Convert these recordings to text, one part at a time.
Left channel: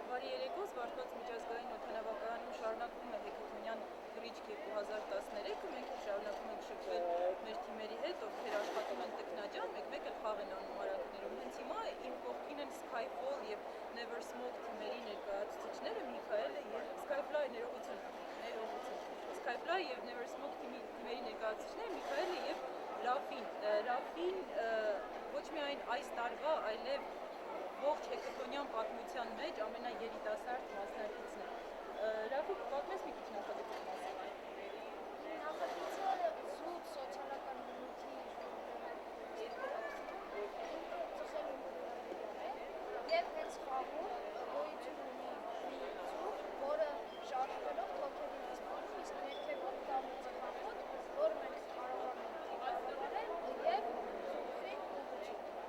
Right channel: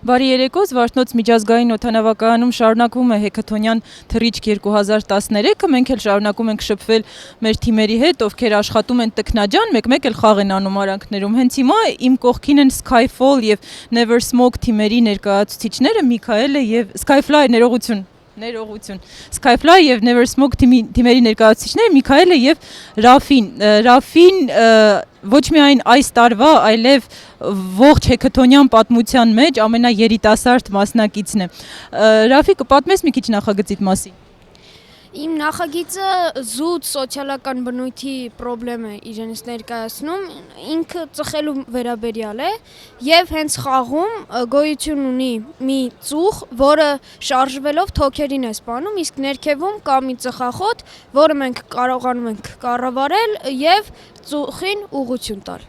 Բարի երեկո, Զվարթնոց միջազգային օդանավակայանում շարունակվում է Հեքաթոնյան թռիչք 2013-ը, մենք էլ շարունակում ենք շփվել մեր թիմերի հետ, ովքեր աշխատում են տքնաջան, մեկ-մեկ էլ խաղ են անում արանքներում։ Հենց հիմա իմ կողքին են Skyfall եւ Never Smoke թիմերի ներկայացուցիչները Միքայելը եւ Skyfly ներողություն։ Skyfly եւ Never Smoke թիմերի ներկայացուցիչները Միքայելը եւ Ռաֆին ոչ միայն այս տարվա, այլև ողջ հեքաթոնյան պատմության մեջ ամենաերիտասարդ մասնակիցն է։ Ռաֆի, կպատմես մի քիչ նախագծիդ մասին։ Իմ նախագիծը զուտ սոցիալական բնույթի պրոբլեմ է իրենից ներկայացնում, ինքը ծխելու վերաբերյալ է եւ հենց խաղում գոյություն ունի մի ծուխ, որը շարժվելով թոքերին է սպանում, իսկ ներքևում կա մի ծխախոտ, որը մենք կարողանում ենք կառավարել եւ ծուխին ուղղություն տալ։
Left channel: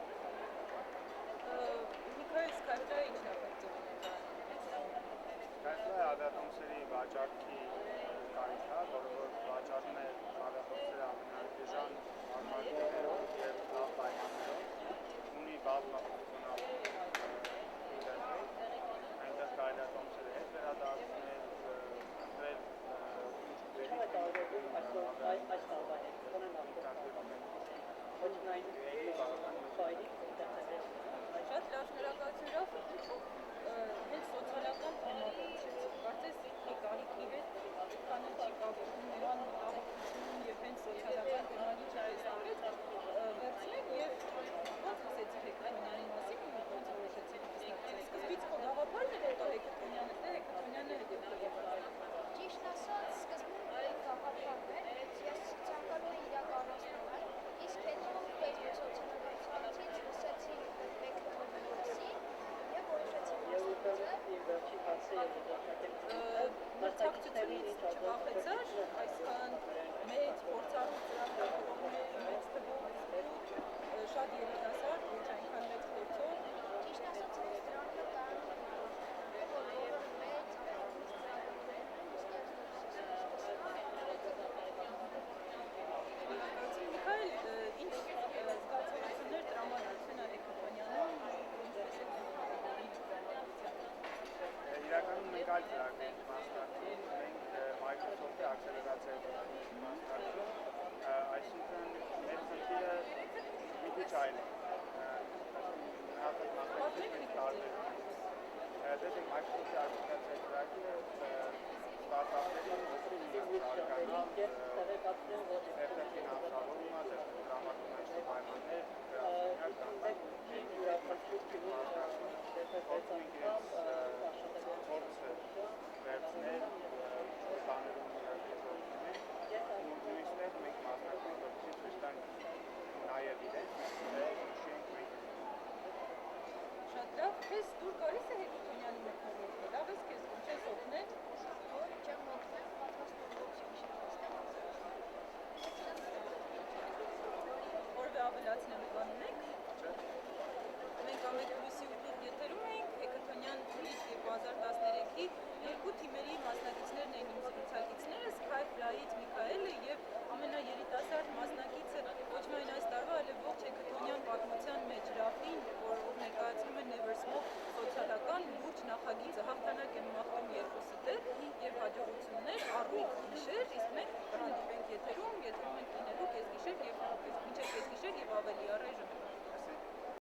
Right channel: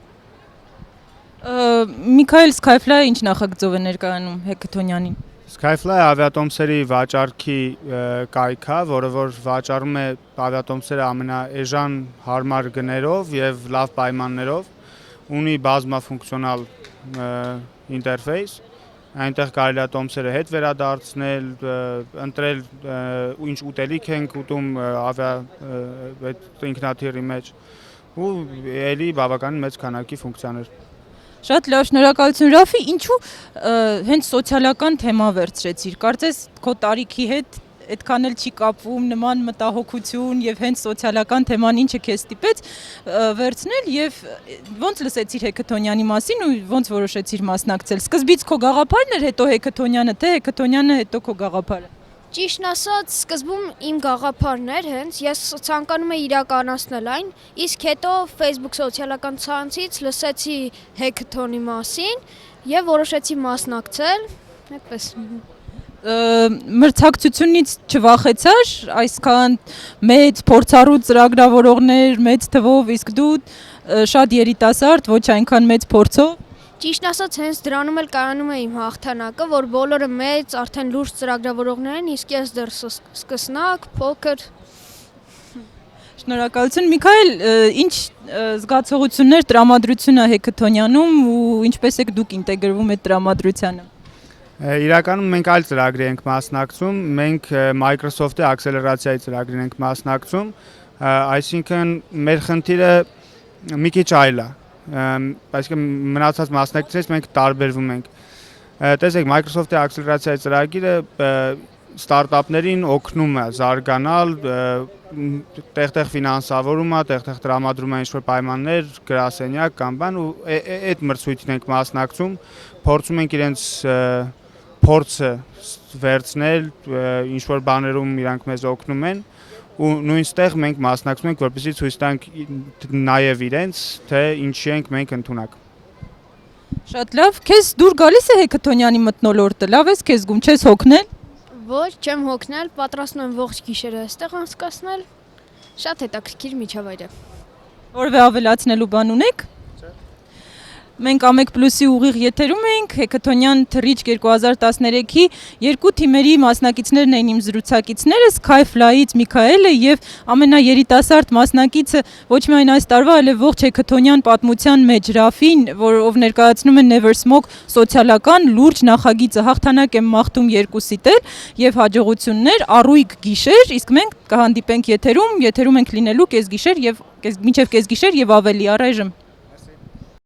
Միքայել, Skyfly ինչ նախագծով է ներկայանում Հեքաթոնյանին։ Skyfly ավիատոմսերի վաճառքի կայք է, որը որ վաճառում է ավիատոմսերը ամենաէժան հարմար գներով եւ լավ պայմաններով, ունի բազմաֆունկցիոնալ ինտերֆեյս, այնտեղ կարելի է տոմսերը հետ վերադարձնել, ընտրել ինչ ուտելիք ենք ուտում ինքնաթիռի մեջ ու էլի բավականին մեծ քանակի ֆունկցիաներ։ Շատ լավ, շնորհակալություն Ռաֆի, ինչու հենց սոցիալական թեմա վերցրեցիր։ Կարծես քո տարիքի հետ այդքան էլ չի կապվում նման մտահոգություն եւ հենց սոցիալական թեման ինչը քեզ ստիպեց վերցնել եւ ոնց լսեցիր Հեքաթոնյանի մասին ու ոնց որոշեցիր մասնակցել։ Սկզբից քո գաղափարն էր, հետո Հեքաթոնյանը, թե Հեքաթոնյանը, հետո քո գաղափարը։ Ճիշտն ասած, սկզբում իմ գաղափարն էր հենց, ես ցանկանում էի իրականացնել այն, իսկ հետո Facebook սոցիալական ցանցից լսեցի Հեքաթոնի մասին եւ որոշեցի մասնակցել, այդպես։ Մրցակցությունից չվախեցար, այսքան մեծ փորձառու ծրագրավորողներ, մեծ թվով, իսկ դու շատ երիտասարդ, ոչ այնքան մեծ փորձով։ Ճիշտն ասած, հենց դրանում էլ կայանում է իմ հաղթանակը, որ բոլորը մեծ, արդեն լուրջ ծրագրավորողներ են, իսկ ես դեռ սկսնակ, փոքր։ Շնորհակալություն Միքայել, ինչ զգացողություններ տրամադրությունը Հեքաթոնյանում ու ինչպես եք դուք ինտեգրվում այդ տրամադրությանը։ Իրականում մենք այլ ծրագրի ենք մասնակցում, մենք Microsoft-ի ակսելերացիայի ծրագրին ենք մասնակցում, այսինքն մեր խնդիրը մի քիչ այլ է, այսինքն մնացած մասնակիցներից մենք տարբերվում ենք։ Տեսեք, Microsoft-ի ակսելերացիայի ծրագիրը ստարտափներին օգնում է զարգանալ, տեղ-տեղ ֆինանսավորում է, տեղ-տեղ տրամադրում է ինչ-որ պայմաններ, գրասենյակ կամ բան ու այդ մրցույթին ենք մասնակցում, փորձում ենք իրենց փորձը վերցնել, ինչ-որ բաներում իրանք մեզ օգնում են ու նույնստեղ մենք մասնակցում ենք, որպեսզի ցույց տանք նաև իրենց, թե ինչի ենք մենք ընդունակ։ Շատ լավ, քեզ դուր գալիս է Հեքաթոնյանի մթնոլորտը, լավ ես քեզ գում, չես հոգնել։ Ոչ, չեմ հոգնել, պատրաստում եմ ողջ գիշերը այստեղ անցկացնել։ Շատ հետաքրքիր միջավայր է։ Որևէ ավելացնելու բան ունեք։ Մենք Ամեկ+-ի ուղիղ եթերում էինք, Հեքաթոնյան թռիչք 2013-ի երկու թիմերի մասնակիցներն էին իմ զրուցակիցները, Skyfly-ից Միքայելը եւ ամենաերիտասարդ մասնակիցը ոչ միայն այս տարվա, այլև ողջ Հեքաթոնյան պատմության մեջ Ռաֆին, ով ներկայացնում է Never Smoke սոցիալական լուրջ նախագիծը, հաղթանակ եմ մաղթում երկուսիդ էլ եւ հաջողություններ, առույգ գիշեր, իսկ մենք կհանդիպենք եթերում ենք լինելու կեսգիշեր եւ մինչեւ կեսգիշեր եւ ավելի առայժմ